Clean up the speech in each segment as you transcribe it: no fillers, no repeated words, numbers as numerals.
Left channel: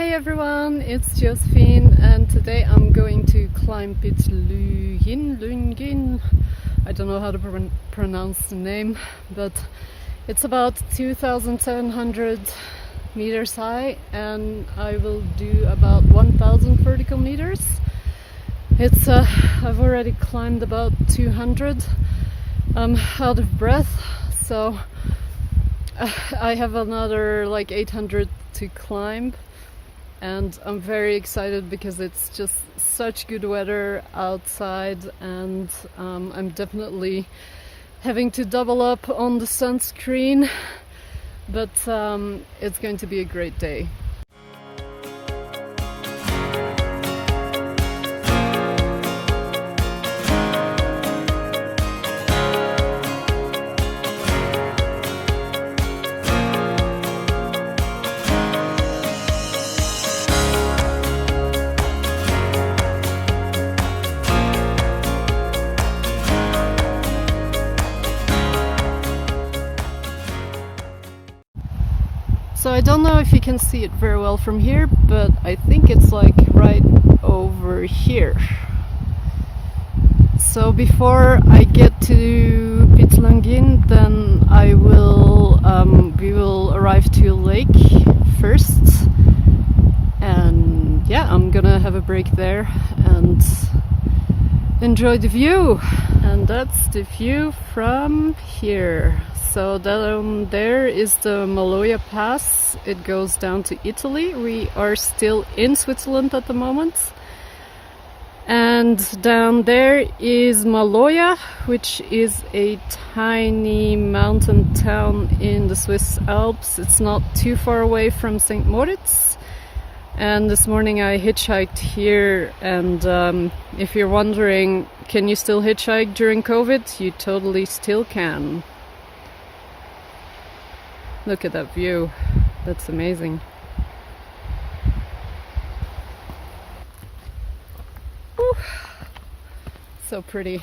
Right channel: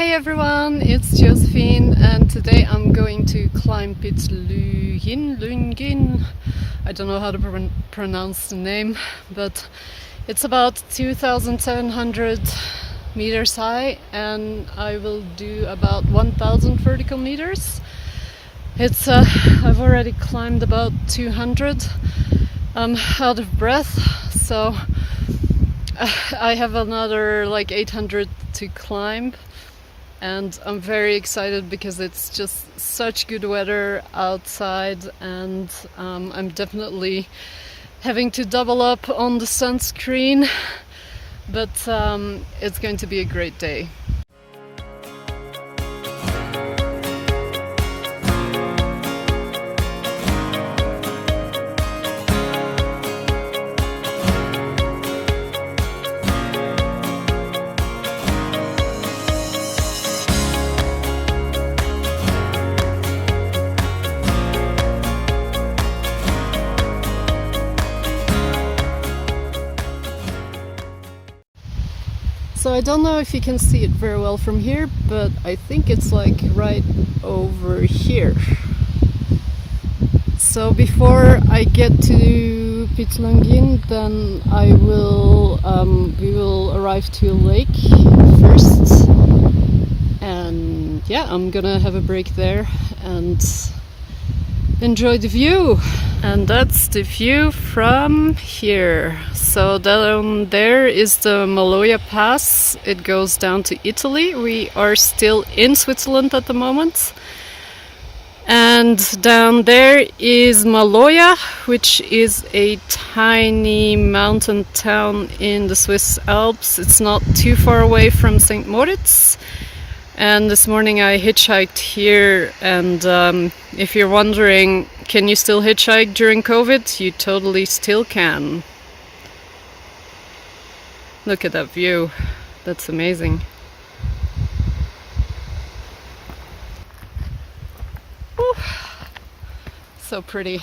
Hey everyone, it's Jozefien and today I'm going to climb Piz Lunghin. I don't know how to pronounce the name, but it's about 2,700 meters high and I will do about 1,000 vertical meters. I've already climbed about 200. I'm out of breath, so I have another like 800 to climb. And I'm very excited because it's just such good weather outside, and I'm definitely having to double up on the sunscreen, but it's going to be a great day. So I don't know if you can see it very well from here, but I think it's like right over here. So before I get to Piz Lunghin, then we will arrive to a lake first, and yeah, I'm gonna have a break there and enjoy the view. And that's the view from here. So down there is the Maloja pass. It goes down to Italy. We are still in Switzerland at the moment. And down there is Maloja, which is a tiny mountain town in the Swiss Alps. It's not too far away from St. Moritz. And this morning I hitchhiked here, and if you're wondering, can you still hitchhike during COVID? You totally still can. Look at that view, that's amazing. Whew. So pretty.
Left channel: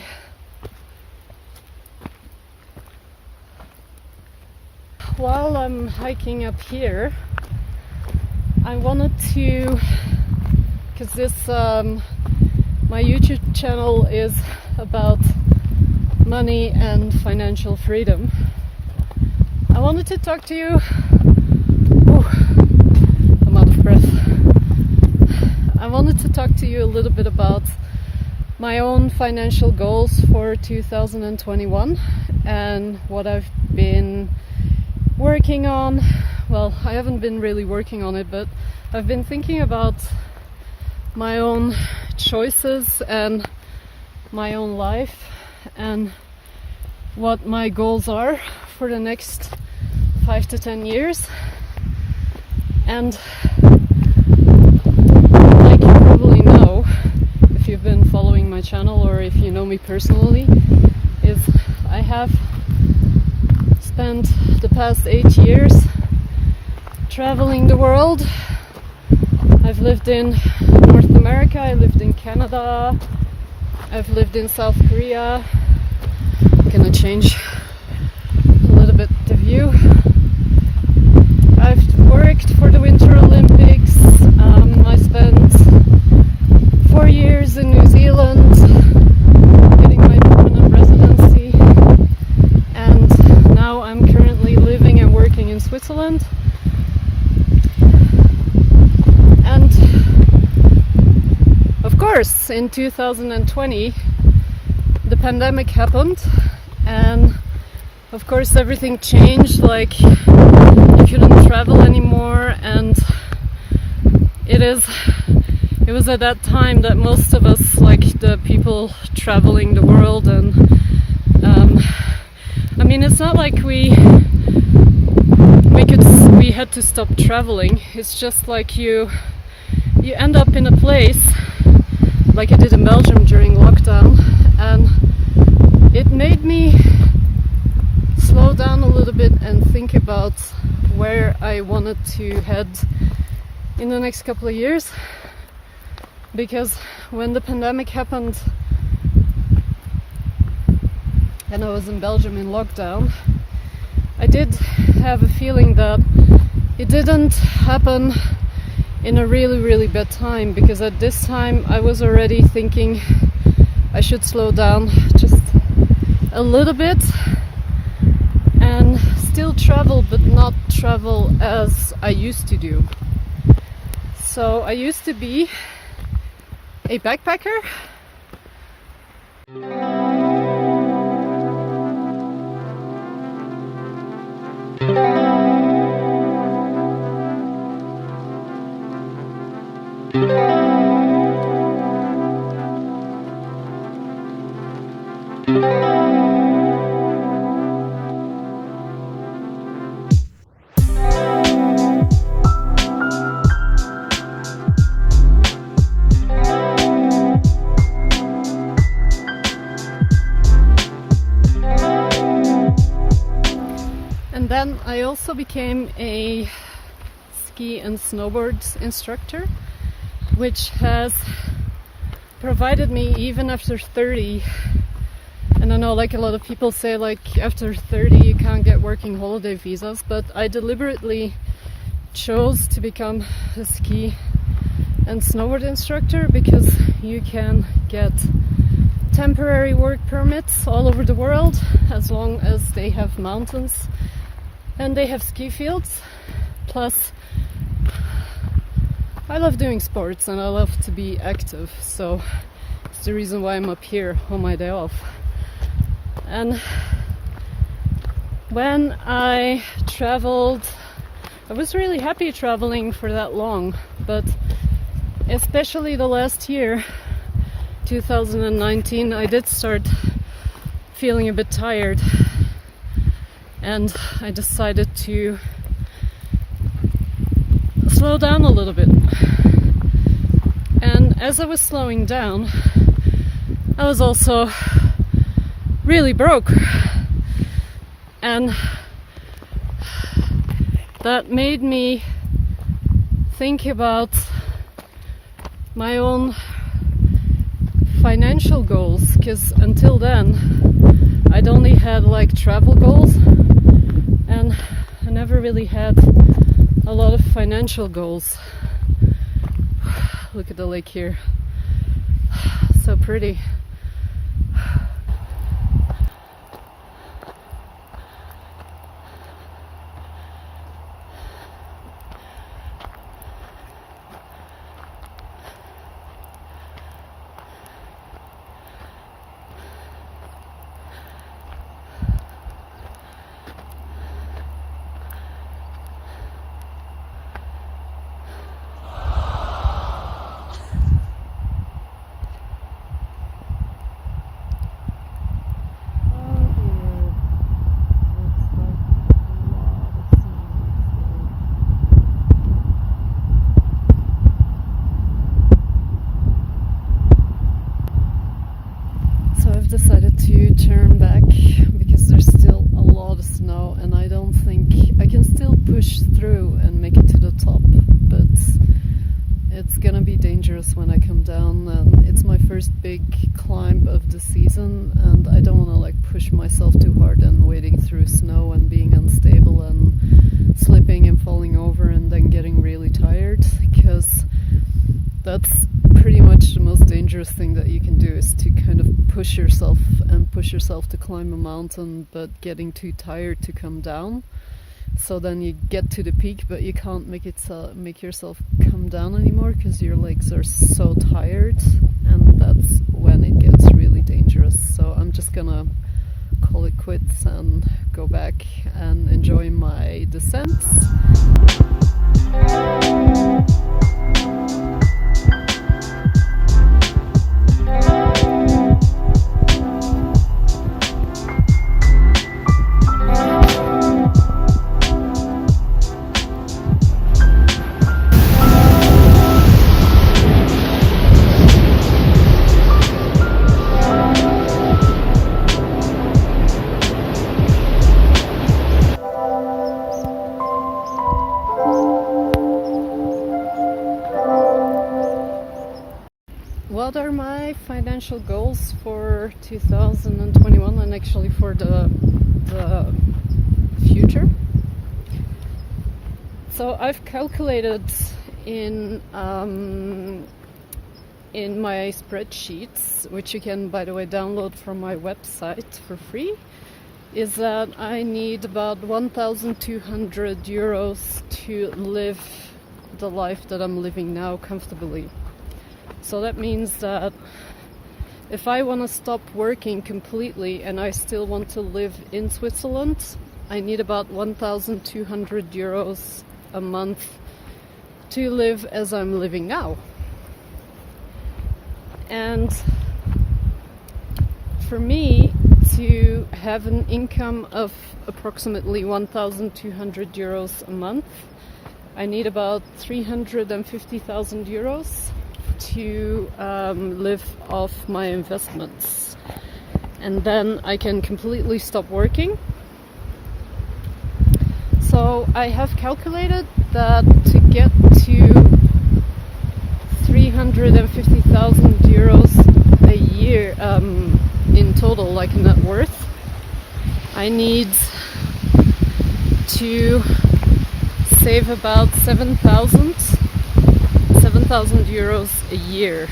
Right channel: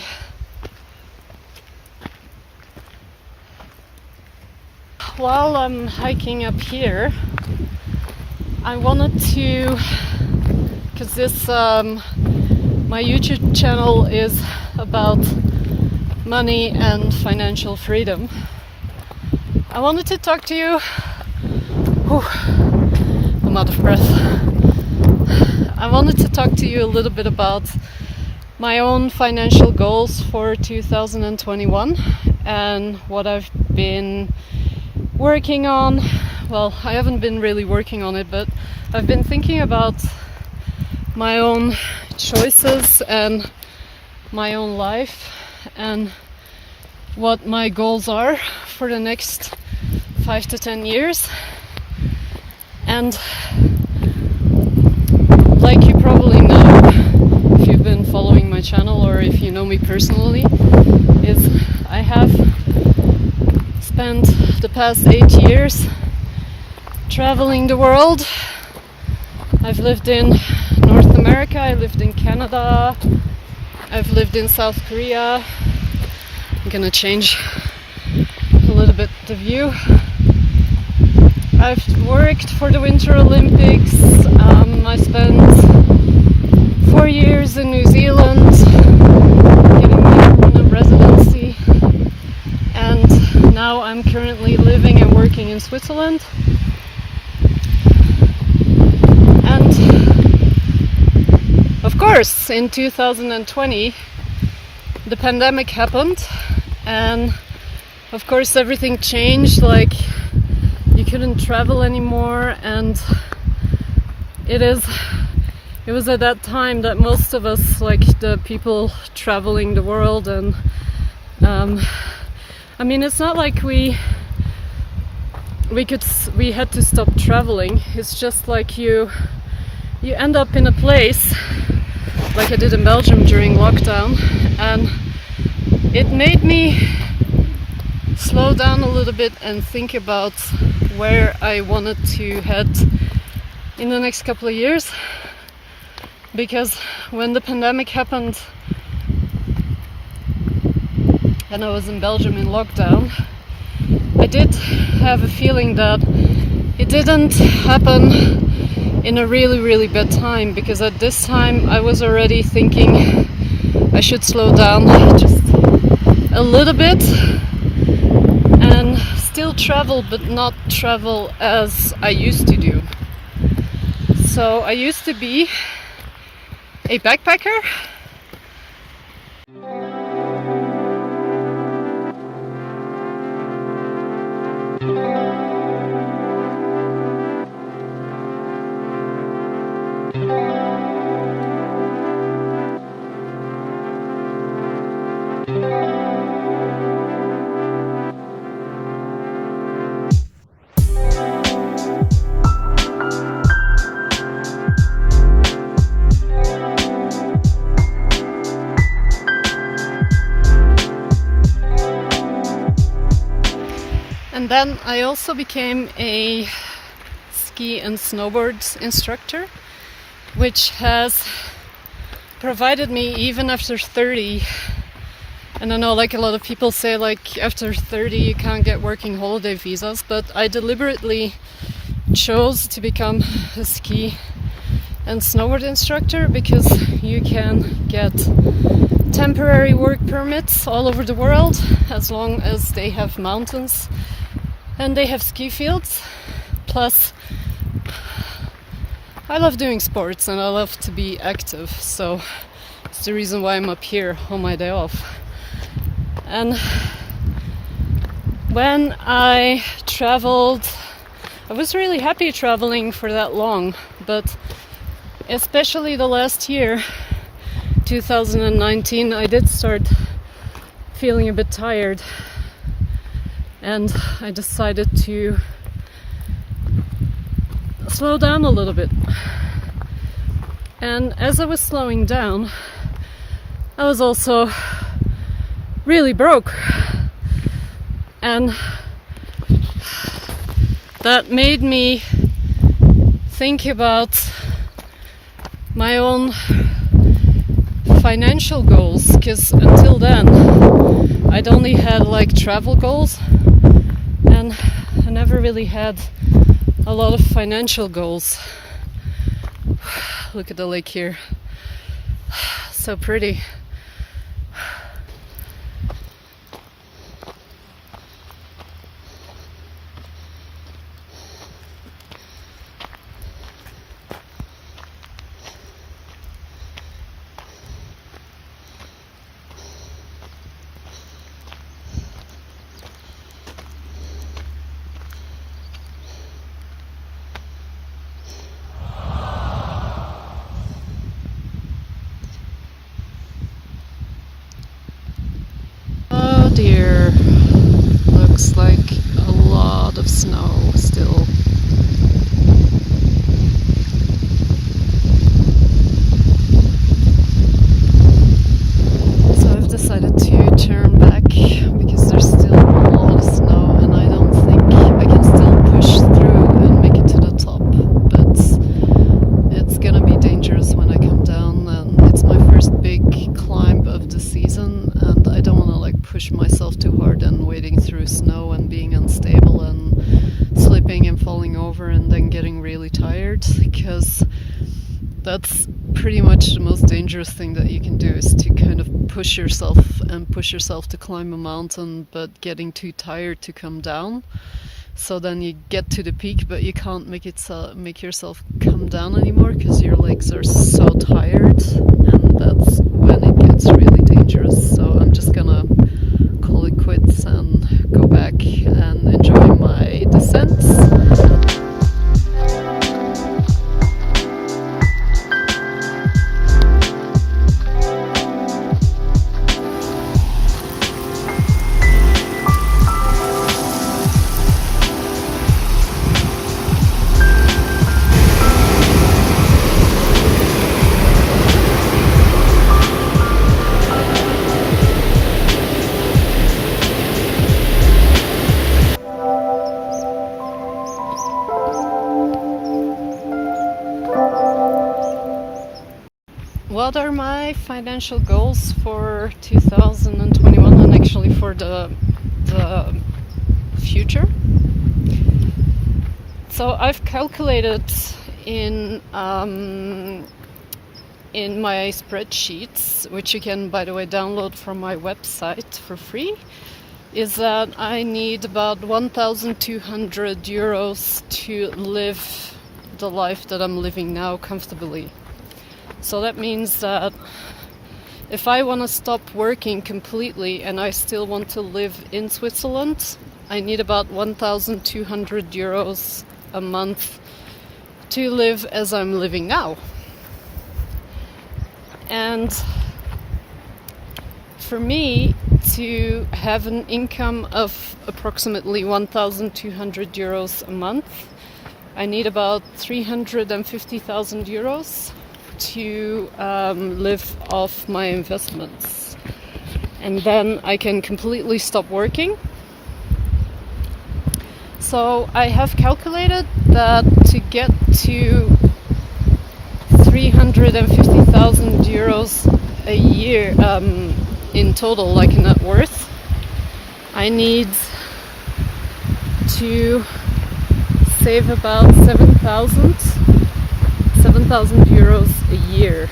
While I'm hiking up here, I wanted to, because my YouTube channel is about money and financial freedom. I wanted to talk to you. I'm out of breath. I wanted to talk to you a little bit about my own financial goals for 2021 and what I've been working on. Well, I haven't been really working on it, but I've been thinking about my own choices and my own life and what my goals are for the next 5 to 10 years. And like you probably know, if you've been following my channel or if you know me personally, is I have spent the past 8 years traveling the world. I've lived in North America, I lived in Canada, I've lived in South Korea. I'm gonna change a little bit the view. I've worked for the Winter Olympics. I spent 4 years in New Zealand getting my permanent residency, and now I'm currently living and working in Switzerland. And of course, in 2020, the pandemic happened, and of course everything changed. Like, you couldn't travel anymore, and it was at that time that most of us, like the people traveling the world, and I mean, it's not like we had to stop traveling. It's just like you end up in a place like I did in Belgium during lockdown, and it made me slow down a little bit and think about where I wanted to head in the next couple of years. Because when the pandemic happened and I was in Belgium in lockdown, I did have a feeling that it didn't happen in a really bad time, because at this time I was already thinking I should slow down just a little bit and still travel, but not travel as I used to do. So I used to be a backpacker. And then I also became a ski and snowboard instructor, which has provided me, even after 30, and I know like a lot of people say like after 30 you can't get working holiday visas, but I deliberately chose to become a ski and snowboard instructor because you can get temporary work permits all over the world as long as they have mountains and they have ski fields. Plus, I love doing sports and I love to be active, so it's the reason why I'm up here on my day off. And when I traveled, I was really happy traveling for that long, but especially the last year, 2019, I did start feeling a bit tired, and I decided to slow down a little bit. And as I was slowing down, I was also really broke, and that made me think about my own financial goals, because until then I'd only had like travel goals and I never really had a lot of financial goals. Look at the lake here, so pretty. Oh dear, looks like a lot of snow still. So I've decided to turn back because there's still a lot of snow and I don't think I can still push through and make it to the top, but it's gonna be dangerous when I come down, and it's my first big climb of the season and I don't want to like push myself too hard and wading through snow and being unstable and slipping and falling over and then getting really tired, because that's pretty much the most dangerous thing that you can do, is to kind of push yourself to climb a mountain but getting too tired to come down. So then you get to the peak but you can't make yourself come down anymore because your legs are so tired, and that's when it gets really dangerous. So I'm just gonna call it quits and go back and enjoy my descents. What are my financial goals for 2021 and actually for the future? So I've calculated in my spreadsheets, which you can, by the way, download from my website for free, is that I need about 1,200 euros to live the life that I'm living now comfortably. So that means that if I want to stop working completely and I still want to live in Switzerland, I need about 1,200 euros a month to live as I'm living now. And for me to have an income of approximately 1,200 euros a month, I need about 350,000 euros to live off my investments. And then I can completely stop working. So I have calculated that to get to 350,000 euros a year in total, like net worth, I need to save about 7,000 euros a year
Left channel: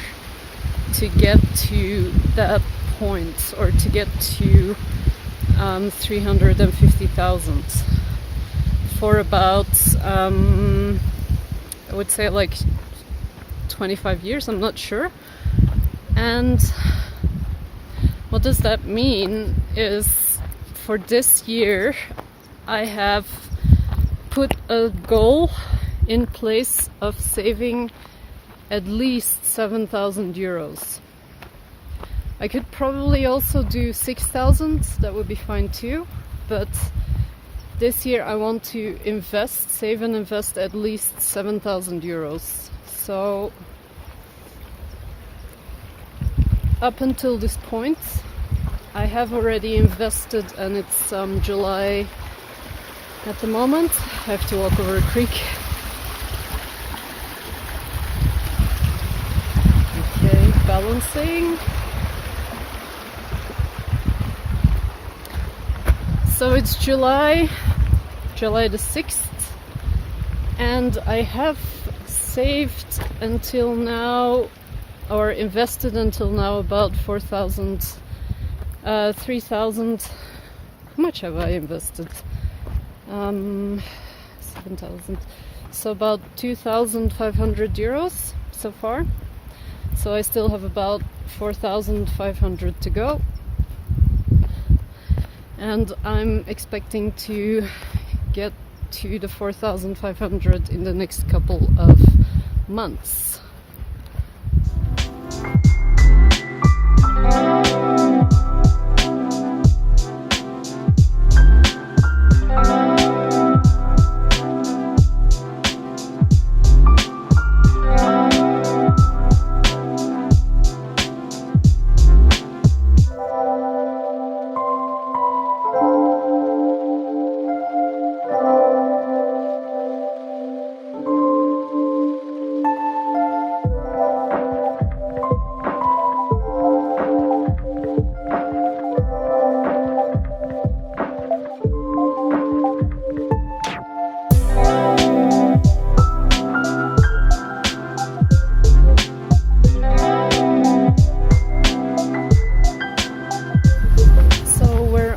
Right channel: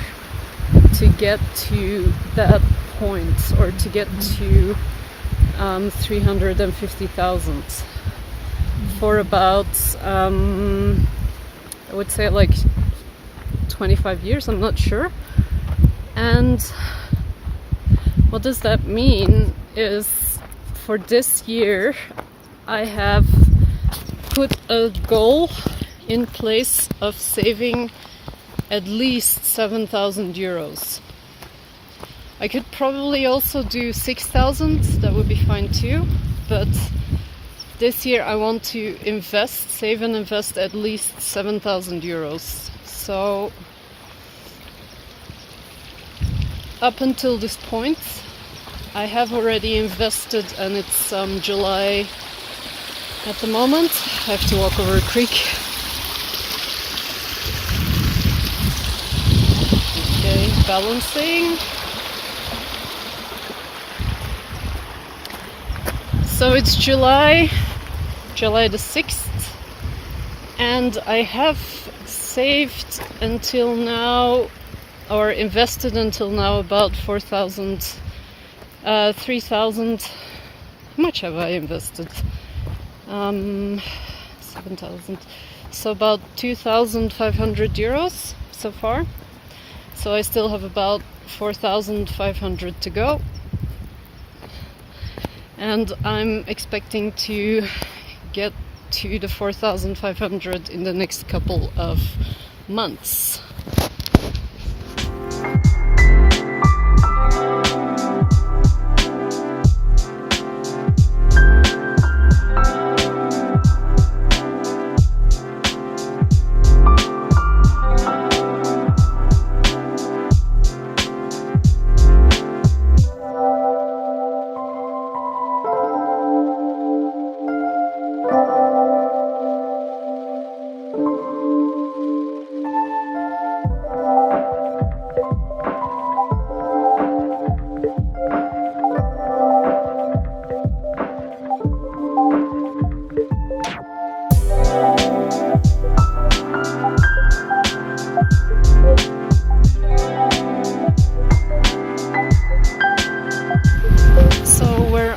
to get to that point, or to get to 350,000 for about I would say like 25 years, I'm not sure. And what does that mean is, for this year I have put a goal in place of saving at least 7,000 euros. I could probably also do 6,000, that would be fine too, but this year I want to save and invest at least 7,000 euros. So up until this point I have already invested, and it's July at the moment. I have to walk over a creek. Okay, balancing. So it's July the 6th, and I have saved until now, or invested until now, about 3,000. How much have I invested? 7,000. So about 2,500 euros so far. So I still have about 4,500 to go. And I'm expecting to get to the 4,500 in the next couple of months.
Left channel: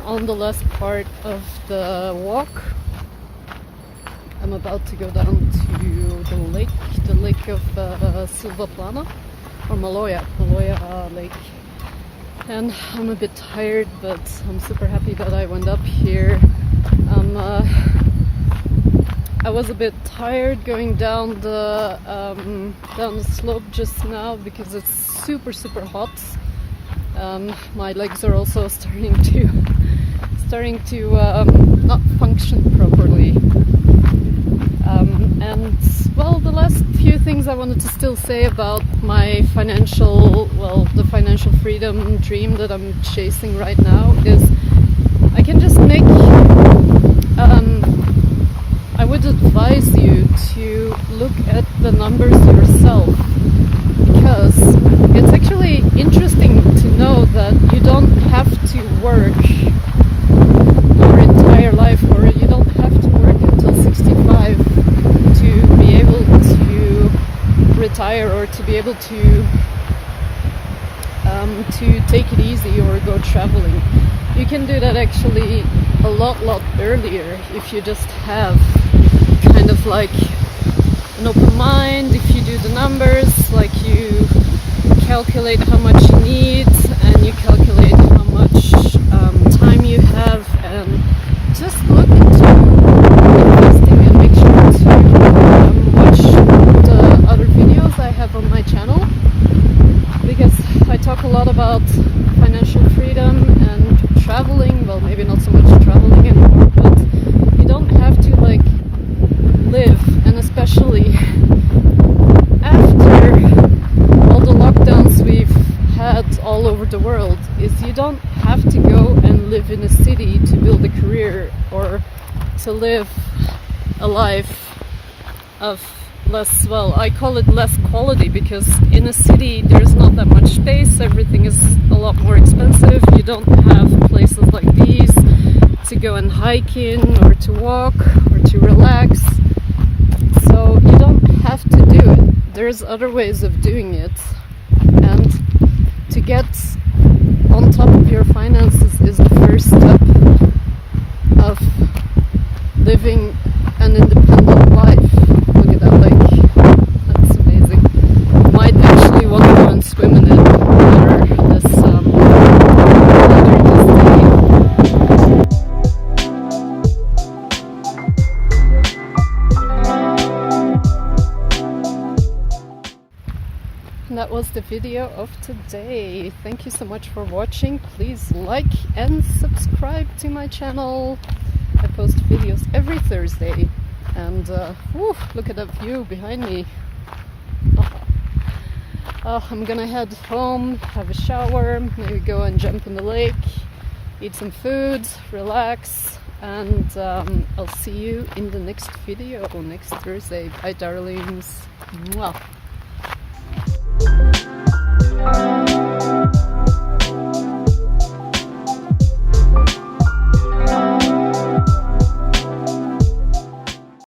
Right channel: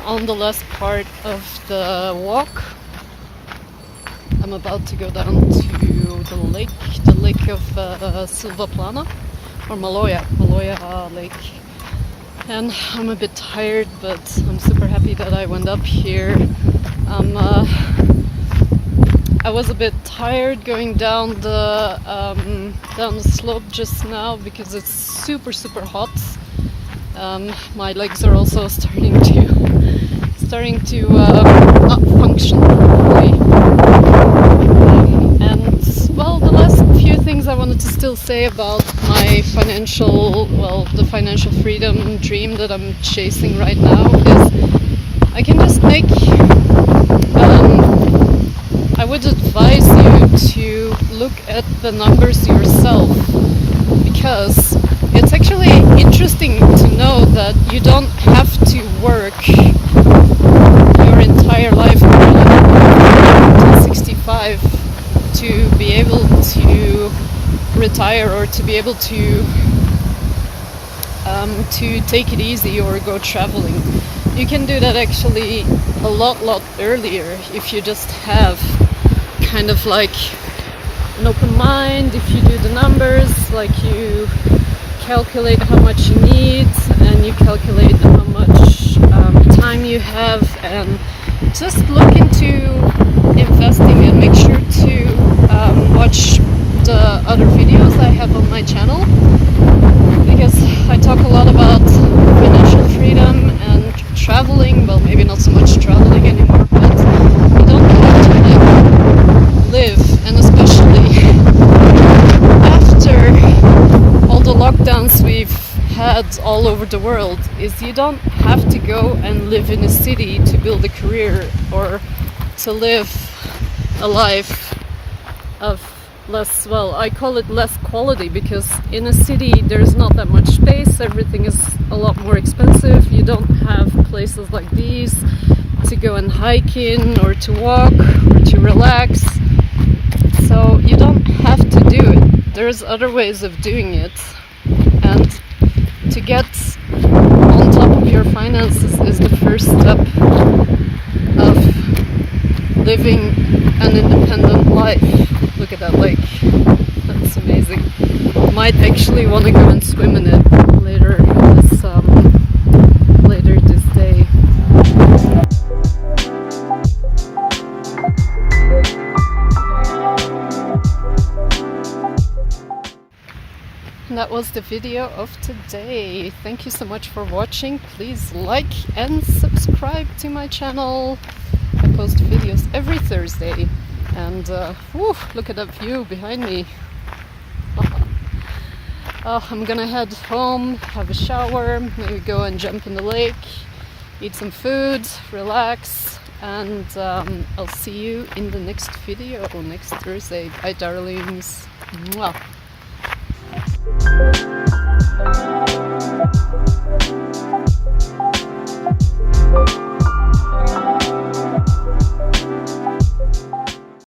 On the last part of the walk, I'm about to go down to the lake of Silva Plana, or Maloja lake, and I'm a bit tired, but I'm super happy that I went up here. I was a bit tired going down the slope just now because it's super hot. My legs are also starting to not function properly. And well, the last few things I wanted to still say about my the financial freedom dream that I'm chasing right now is I can just make I would advise you to look at the numbers yourself, because it's actually interesting to know that you don't have to work your entire life, or you don't have to work until 65 to be able to retire or to be able to take it easy or go traveling. You can do that actually a lot earlier if you just have kind of like an open mind. If you do the numbers, like you calculate how much you need and you calculate how much time you have, and just look into investing and make sure to watch the other videos I have on my channel, because I talk a lot about financial freedom and traveling. Well, maybe not so much traveling anymore, but you don't have to like live, and especially after all the lockdowns we've had all over the world, is you don't have to go and live in a city to build a career or to live a life of less, well, I call it less quality, because in a city there's not that much space, everything is a lot more expensive, you don't have places like these to go and hike in or to walk or to relax, so you don't have to do it. There's other ways of doing it, and to get on top of your finances is the first step of living an independent life. Look at that lake, that's amazing. Might actually want to go and swim in it later this day. And that was the video of today. Thank you so much for watching. Please like and subscribe to my channel. I post videos every Thursday. And look at that view behind me. I'm gonna head home, have a shower, maybe go and jump in the lake, eat some food, relax, and I'll see you in the next video next Thursday. Bye, darlings. Mwah.